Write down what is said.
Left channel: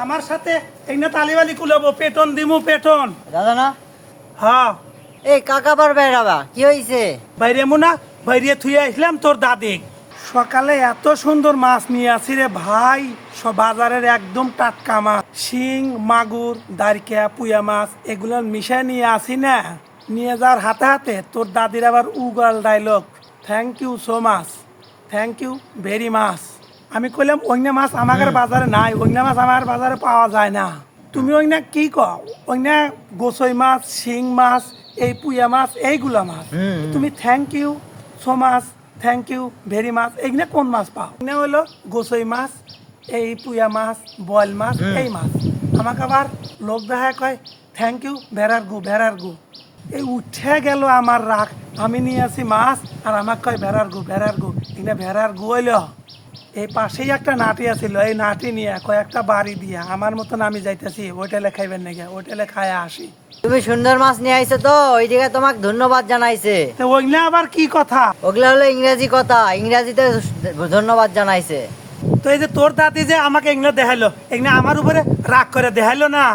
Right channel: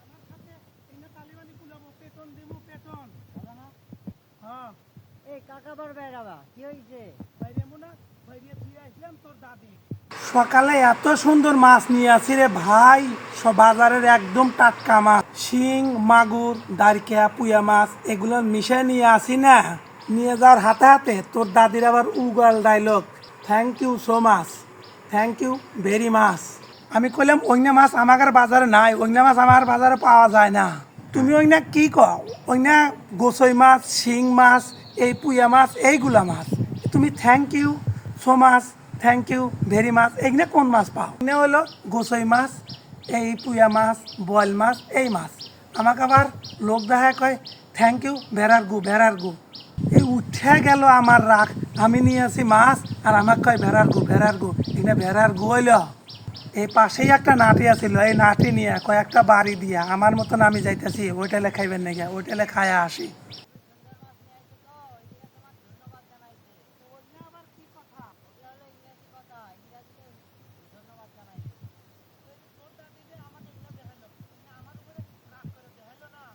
আমার সাথে এইনা তালিবালি কুলাবো, পেটন দিমু পেটন। দাদা না হ্যাঁ এই কাকা বার বেড়াবা কি হইছে? বাইরে মুনা বাইরে থুয়ে আসলাম তোর দাদি। সকালে এত সুন্দর মাছ নিয়ে আসি রে ভাই, সব বাজারের একদম টাটকা মাছ, শিং মাগুর দারকা পুয়া মাছ এগুলো মিশাই নিয়ে আসি না। নিয়ে যাওয়ার হাতে হাতে তোর দাদির আবার উগাল dialogue, thank you so much, thank you very much. আমি কইলাম ওইনা মাছ আমার বাজারে নাই, ওইনা মাছ আমার বাজারে পাওয়া যায় না। তুমি ওইনা কি কও? ওইনা গোসই মাছ, শিং মাছ, এই পুয়া মাছ, এইগুলা মাছ। তুমি thank you so much, thank you very মাছ, এইগুলা কোন মাছ পাও? এগুলো হলো গোসই মাছ, এই পুয়া মাছ, বয়েল মাছ, এই মাছ। আমাকে আবার লোক দেখা কয় থ্যাংক ইউ ভেড়ার গু, ভেড়ার গু। এই উঠে গেল আমার রাগ, আমি নিয়ে আসি মাছ আর আমাকে কয় ভেড়ার গু, ভেড়ার গু। এখানে ভেড়ার গু হইল। এই পাশেই একটা নাটি আছিল, এই নাটি নিয়ে কয়েকটা বাড়ি দিয়া আমার মতন আমি যাইতেছি হোটেলে খাইবেন নাকি, হোটেলে খায়া আসি। তুমি সুন্দর মাছ নিয়ে আইছো তো ওই দিকে তোমাকে ধন্যবাদ জানাইছে। তো ওইগুলা আবার কি কথা? ওগুলা হলো ইংরেজি কথা, ইংরেজিতে ধন্যবাদ জানাইছে। তো এই যে তোর দাদি যে আমাকে এগুলো দেখাইলো, এগুলো আমার উপরে রাগ করে দেখাইলো না।